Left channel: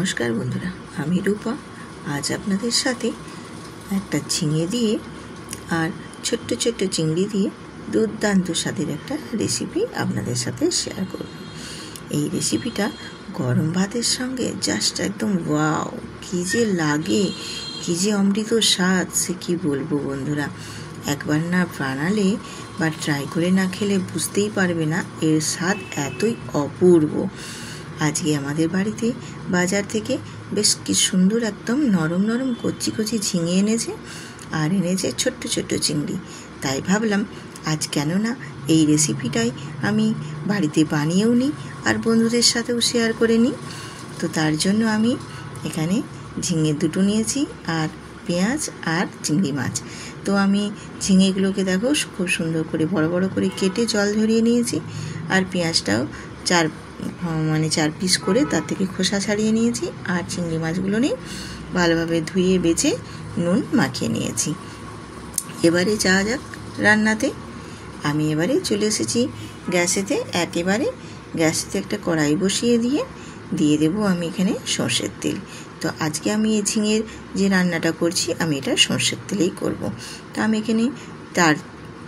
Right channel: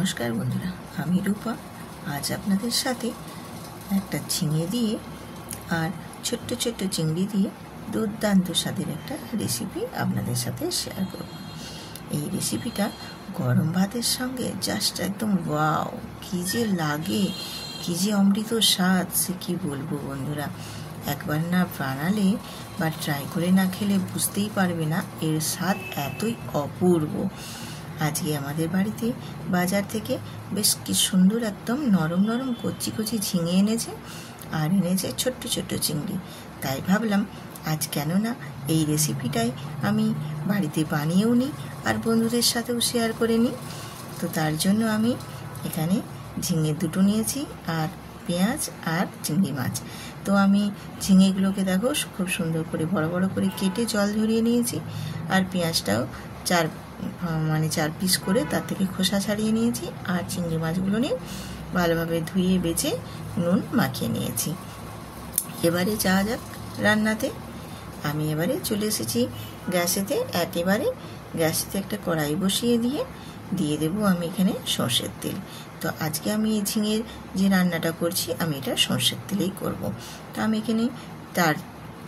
নমস্কার বন্ধুরা, আমি রূপা। আজ আপনাদের সাথে একটা ঝিঙে দিয়ে আর ছোট্ট ছোট্ট চিংড়ি দিয়ে দুর্দান্ত স্বাদের একটা রেসিপি আপনাদের সাথে শেয়ার করব। এই রেসিপিটা গরম ভাতের সঙ্গে জাস্ট একদম ওয়াও, কী যে লাগে, কী যে অমৃত স্বাদ, সে কী বলবো বন্ধুরা। একবার না বানালে বা ট্রাই করে না খেলে বুঝতেই পারবে না এর স্বাদ এতই অপূর্ব। আজকে আমাদের বাড়িতে বাজার থেকে বেশ কি সুন্দর একদম নরম নরম কচি কচি ঝিঙে এনেছে আর এনেছে ছোট্ট ছোট্ট চিংড়ি। তাই ভাবলাম আজ কেন না এই রেসিপিটাই আমি বাড়িতে বানিয়েও নিই আর বন্ধুদের সাথেও শেয়ার করে নিই। তো তার জন্য আমি এখানে ঝিঙে দুটো নিয়েছি আর পেঁয়াজ আর চিংড়ি মাছ। তো আমি ঝিঙেগুলোকে দেখো খুব সুন্দর করে বড় বড় করে কেটে জল ঝরিয়ে নিয়েছি আর পেঁয়াজটাও চার পিস করে তার থেকে খোসা ছাড়িয়ে নিয়েছি আর চিংড়ি মাছগুলো নিয়ে ভালোভাবে ধুয়ে বেছে নুন মাখিয়ে নিয়েছি। এবারে যাওয়া যাক রান্নাতে। আমি এবারে চলে এসেছি গ্যাসেতে। একেবারে গ্যাসেতে একটা কড়াই বসিয়ে দিয়ে দেবো আমি এখানে সর্ষের তেল। তো আজকে আমি এই ঝিঙের যে রান্নাটা করছি আমি এটা সর্ষের তেলেই করব। তো আমি এখানে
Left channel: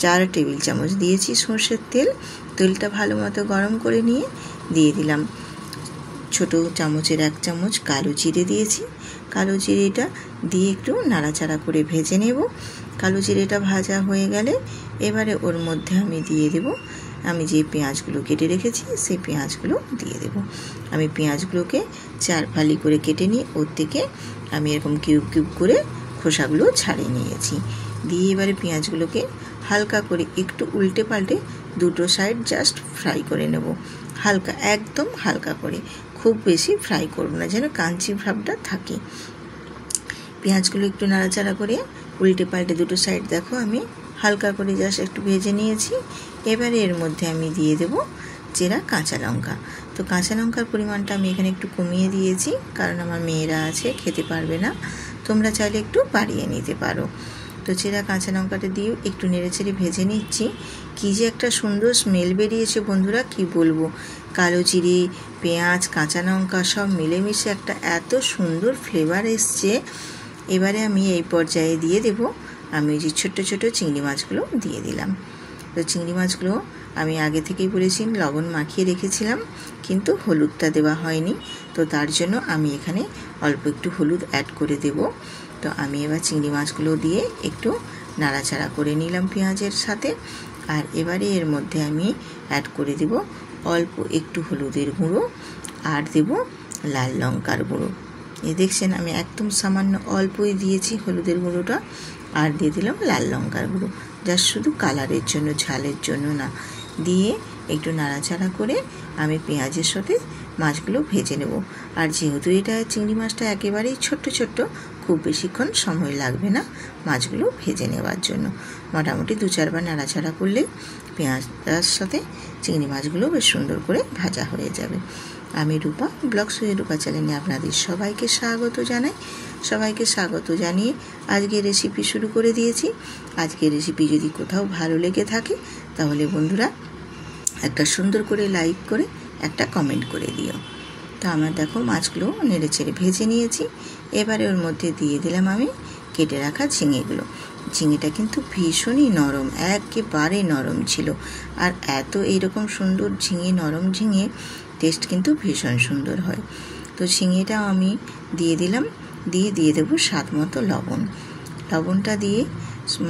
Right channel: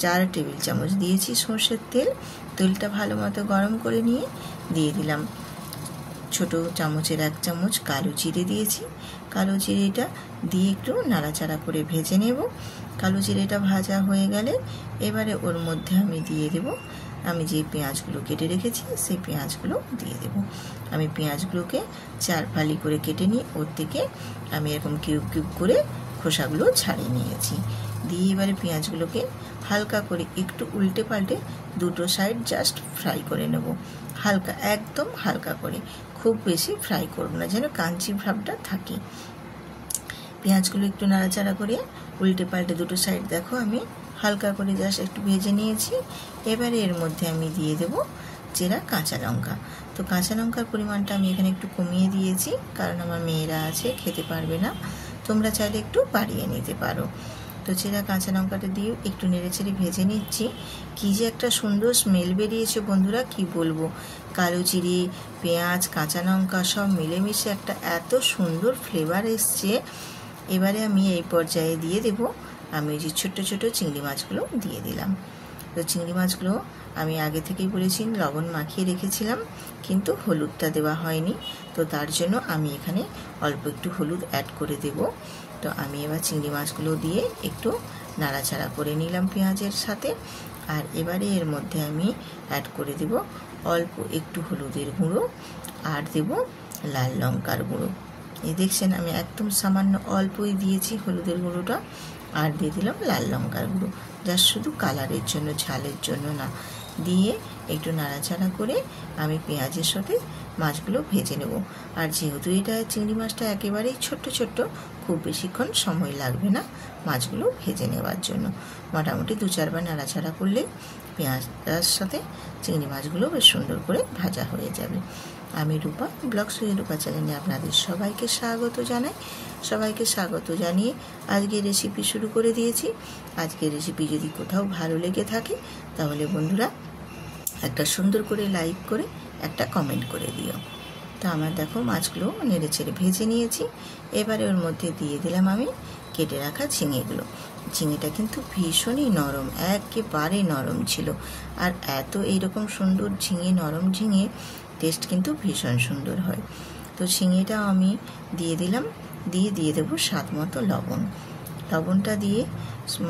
4 টেবিল চামচ দিয়েছি সর্ষের তেল। তেলটা ভালো মতো গরম করে নিয়ে দিয়ে দিলাম ছোটো চামচের 1 চামচ কালো জিরে দিয়েছি। কালো জিরেটা দিয়ে একটু নাড়াচাড়া করে ভেজে নেব। কালো জিরেটা ভাজা হয়ে গেলে এবারে ওর মধ্যে আমি দিয়ে দেব আমি যে পেঁয়াজগুলো কেটে রেখেছি সেই পেঁয়াজগুলো দিয়ে দেব। আমি পেঁয়াজগুলোকে 4 ফালি করে কেটে নিয়ে ওর থেকে আমি এরকম কিউব কিউব করে খোসাগুলো ছাড়িয়ে নিয়েছি। দিয়ে এবারে পেঁয়াজগুলোকে হালকা করে একটু উল্টে পাল্টে দুটো সাইড জাস্ট ফ্রাই করে নেব। হালকা, একদম হালকা করে, খুব বেশি ফ্রাই করব না, যেন কাঞ্চি ভাবটা থাকে। পেঁয়াজগুলো একটু নাড়াচাড়া করে উল্টে পাল্টে দুটো সাইড দেখো আমি হালকা করে জাস্ট একটু ভেজে নিয়েছি। এবারে এর মধ্যে আমি দিয়ে দেব চেরা কাঁচা লঙ্কা। তো কাঁচা লঙ্কার পরিমাণটা আমি এখানে একটু কমিয়ে দিয়েছি, কারণ আমার মেয়েরা আছে, খেতে পারবে না। তোমরা চাইলে একটু বাড়িয়ে নিতে পারো। তো চেরা কাঁচা লঙ্কাটা দিয়ে একটু নেড়েচেড়ে ভেজে নিচ্ছি। কী যে একটা সুন্দর স্মেল বেরিয়েছে বন্ধুরা, কি বলবো। কালো জিরে, পেঁয়াজ, কাঁচা লঙ্কা সব মিলেমিশে একটা এত সুন্দর ফ্লেভার এসছে। এবারে আমি এই পর্যায়ে দিয়ে দেব আমি যে ছোট ছোট চিংড়ি মাছগুলো দিয়ে দিলাম। তো চিংড়ি মাছগুলো আমি আগে থেকেই বলেছি লবণ মাখিয়ে রেখেছিলাম, কিন্তু হলুদটা দেওয়া হয়নি। তো তার জন্য আমি এখানে অল্প একটু হলুদ অ্যাড করে দেব। তো আমি এবার চিংড়ি মাছগুলো দিয়ে একটু নাড়াচাড়া করে নিলাম পেঁয়াজের সাথে। আর এবারে এর মধ্যে আমি অ্যাড করে দেব অল্প একটু হলুদের গুঁড়ো আর দেব লাল লঙ্কার গুঁড়ো। দেখছেন আমি একদম সামান্য অল্পই দিয়েছি হলুদের গুঁড়োটা, আর দিয়ে দিলাম লাল লঙ্কার গুঁড়ো, জাস্ট শুধু কালারের জন্য, ঝালের জন্য না। দিয়ে একটু নাড়াচাড়া করে আমি পেঁয়াজের সাথে মাছগুলো ভেজে নেব। আর যেহেতু এটা চিংড়ি মাছটা একেবারেই ছোট্ট ছোট্ট, খুব বেশিক্ষণ সময় লাগবে না মাছগুলো ভেজে নেওয়ার জন্য। মোটামুটি 2-4 বার নাড়াচাড়া করলে পেঁয়াজটার সাথে চিংড়ি মাছগুলো বেশ সুন্দর করে ভাজা হয়ে যাবে। আমি রূপা ব্লগস উইথ রূপা চ্যানেলে আপনাদের সবাইকে স্বাগত জানাই। সবাইকে স্বাগত জানিয়ে আজকে রেসিপি শুরু করে দিয়েছি। আজকের রেসিপি যদি কোথাও ভালো লেগে থাকে তাহলে বন্ধুরা একটা সুন্দর করে লাইক করে একটা কমেন্ট করে দিও। তো আমার দেখো মাছগুলো নেড়ে ছেড়ে ভেজে নিয়েছি। এবারে ওর মধ্যে দিয়ে দিলাম আমি কেটে রাখা ঝিঙেগুলো। ঝিঙেটা কিন্তু ভীষণই নরম, একেবারে নরম ছিল। আর এত এইরকম সুন্দর ঝিঙে, নরম ঝিঙে টেস্ট কিন্তু ভীষণ সুন্দর হয়। তো ঝিঙেটাও আমি দিয়ে দিলাম, দিয়ে দেবো স্বাদ মতো লবণ। লবণটা দিয়ে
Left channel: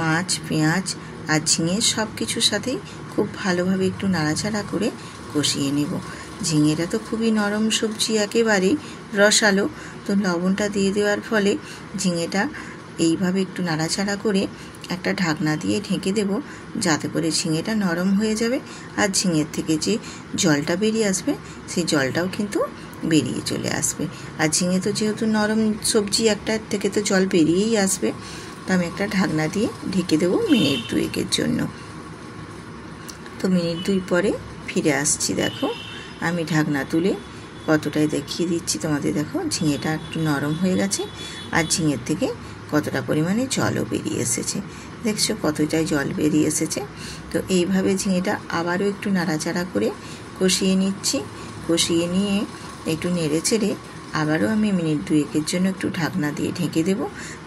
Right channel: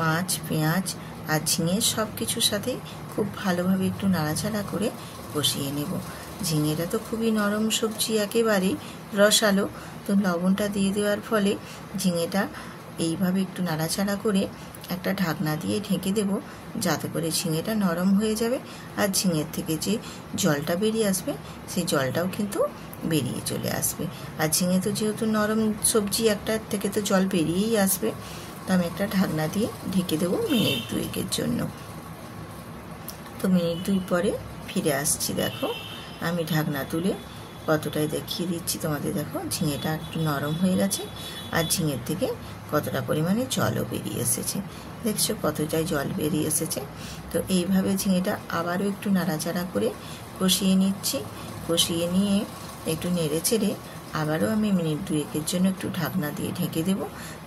মাছ, পেঁয়াজ আর ঝিঙে সব কিছুর সাথে খুব ভালোভাবে একটু নাড়াচাড়া করে কষিয়ে নেব। ঝিঙেটা তো খুবই নরম সবজি, একেবারেই রসালো। তো লবণটা দিয়ে দেওয়ার ফলে ঝিঙেটা এইভাবে একটু নাড়াচাড়া করে একটা ঢাকনা দিয়ে ঢেকে দেব, যাতে করে ঝিঙেটা নরম হয়ে যাবে। আর ঝিঙের থেকে যে জলটা বেরিয়ে আসবে সেই জলটাও কিন্তু বেরিয়ে চলে আসবে। আর ঝিঙে তো যেহেতু নরম সবজি, একটার থেকে তো জল বেরিয়েই আসবে। তো আমি একটা ঢাকনা দিয়ে ঢেকে দেবো মিনিট 2-এর জন্য। তো মিনিট 2 পরে ফিরে আসছি। দেখো আমি ঢাকনা তুলে কতটাই দেখিয়ে দিচ্ছি তোমাদের। দেখো ঝিঙেটা একটু নরম হয়ে গেছে আর ঝিঙের থেকে কতটা পরিমাণে জলও বেরিয়ে এসেছে। দেখছো কতটাই জল বেরিয়ে এসেছে। তো এইভাবে ঝিঙেটা আবারও একটু নাড়াচাড়া করে কষিয়ে নিচ্ছি। কষিয়ে নিয়ে একটু নেড়ে চেড়ে আবারও আমি মিনিট 2-1 জন্য একটু ঢাকনা দিয়ে ঢেকে দেব,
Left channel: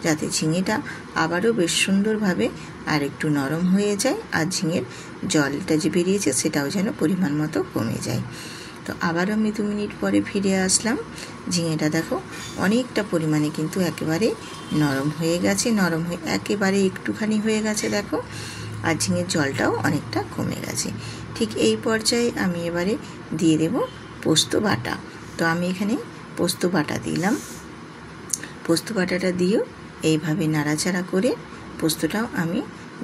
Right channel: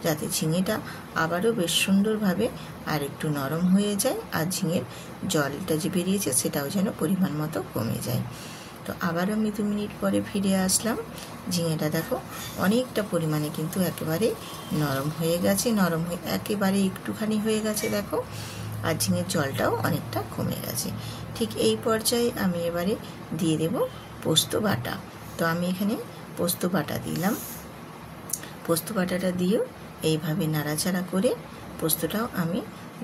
যাতে ঝিঙেটা আবারও বেশ সুন্দরভাবে আর একটু নরম হয়ে যায়, আর ঝিঙের জলটা যে বেরিয়েছে সেটাও যেন পরিমাণ মতো কমে যায়। তো আবার আমি 2 মিনিট পরে ফিরে আসলাম। ঝিঙেটা দেখো অনেকটা পরিমাণে কিন্তু একেবারে নরম হয়ে গেছে, নরম হয়ে একেবারে একটুখানি হয়ে গেছে দেখো, আর ঝিঙের জলটাও অনেকটা কমে গেছে। ঠিক এই পর্যায়ে আমি এবারে দিয়ে দেব পোস্ত বাটা। তো আমি এখানে পোস্ত বাটা দিলাম। পোস্ত বাটাটা দিয়েও এইভাবে নাড়াচাড়া করে পোস্তটাও আমি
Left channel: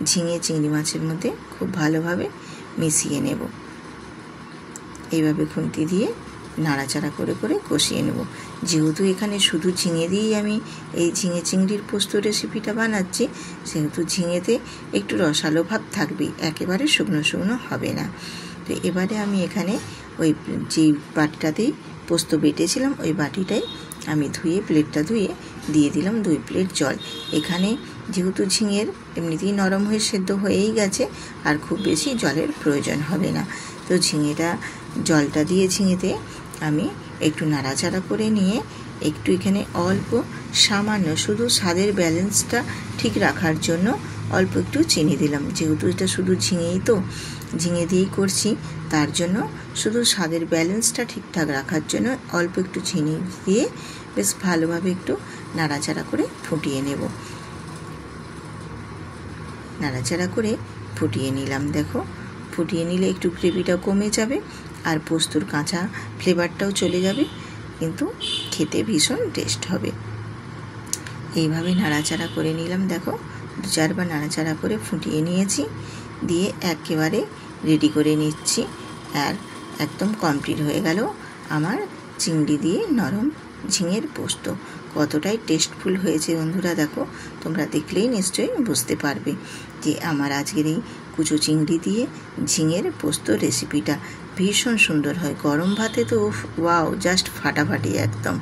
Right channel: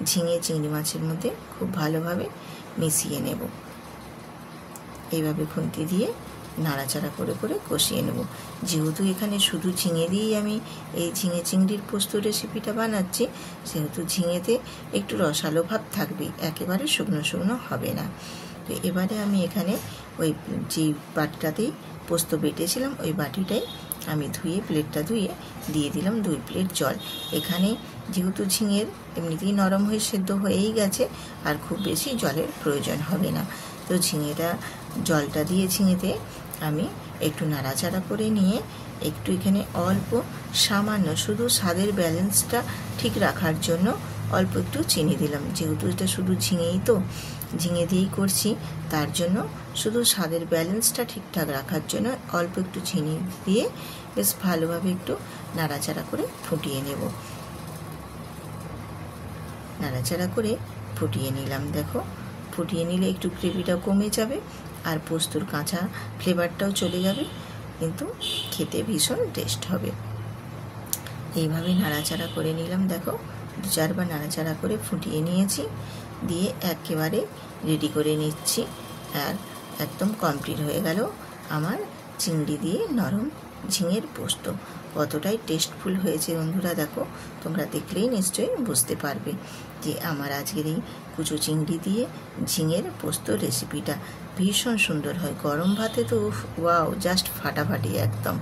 ঝিঙে চিংড়ি মাছের মধ্যে খুব ভালোভাবে মিশিয়ে নেব। এইভাবে খুন্তি দিয়ে নাড়াচাড়া করে করে কষিয়ে নেব। যেহেতু এখানে শুধু ঝিঙে দিয়েই আমি এই ঝিঙে চিংড়ির পোস্ত রেসিপিটা বানাচ্ছি, সেহেতু ঝিঙেতে একটু রসালো ভাব থাকবে, একেবারে শুকনো শুকনো হবে না। তো এবারে আমি এখানে ওই যে বাটিটাতেই পোস্ত বেটেছিলাম ওই বাটিটাই আমি প্লেটটা ধুয়ে দিয়ে দিলাম 2 প্লেট জল। এখানে যেহেতু ঝিঙের এমনিতেই নরম হয়ে সেদ্ধ হয়েই গেছে, আর খুব বেশি জলের প্রয়োজন হবে না। তো জলটা দিয়ে ঝিঙেতে আমি একটু নাড়াচাড়া করে নিয়ে একটু এখানে অল্প সামান্য শুধু স্বাদের ব্যালেন্সটা ঠিক রাখার জন্য অল্প একটু চিনি দিলাম। যেহেতু এটা শুধু ঝিঙে দিয়েই করছি, তার জন্য শুধু স্বাদের ব্যালেন্সটা ঠিকঠাক রাখার জন্য অল্প একটু চিনি দিয়ে বেশ ভালোভাবে একটু নাড়াচাড়া করে ফুটিয়ে নেব। নাড়াচাড়া করে ফুটিয়ে নিলাম। দেখো ফুটিয়ে নিলে একটু গ্রেভিটা কমে যাবে আর পোস্তর কাঁচা ফ্লেভারটাও চলে যাবে, কিন্তু খেতে ভীষণ টেস্ট হবে। এইভাবে নাড়াচাড়া করে নিলাম। দেখো 2-4 বার নাড়াচাড়া করে ফুটিয়ে নিয়েছি, দিয়ে একেবারে রেডি করে নিচ্ছি। আর একদম কমপ্লিট হয়ে গেল আমার চিংড়ি দিয়ে নরম ঝিঙের পোস্ত। কতটাই টেস্টফুল হয়েছে বন্ধুরা, দেখো তোমরা দেখলেই নিশ্চয়ই বুঝতে পারবে যে আমার আজকের এই কুচো চিংড়ি দিয়ে ঝিঙের পোস্ত রেসিপিটা ভীষণ সুন্দর হয়। গরম ভাতে তো ওয়াও, জাস্ট ফাটাফাটি, একদম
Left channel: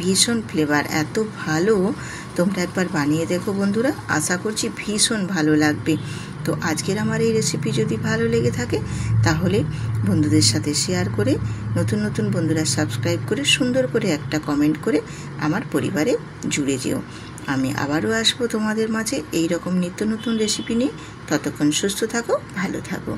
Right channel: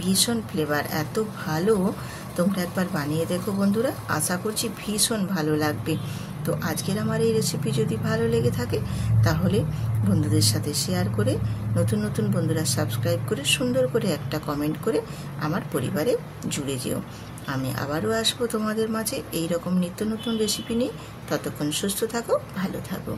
ভীষণ ফ্লেভার, এত ভালো। তোমরা একবার বানিয়ে দেখো বন্ধুরা, আশা করছি ভীষণ ভালো লাগবে। তো আজকের আমার এই রেসিপি যদি ভালো লেগে থাকে তাহলে বন্ধুদের সাথে শেয়ার করে, নতুন নতুন বন্ধুরা সাবস্ক্রাইব করে, সুন্দর করে একটা কমেন্ট করে আমার পরিবারে জুড়ে যেও। আমি আবারও আসবো তোমাদের মাঝে এই রকম নিত্য নতুন রেসিপি নিয়ে। ততক্ষণ সুস্থ থাকো, ভালো থাকো।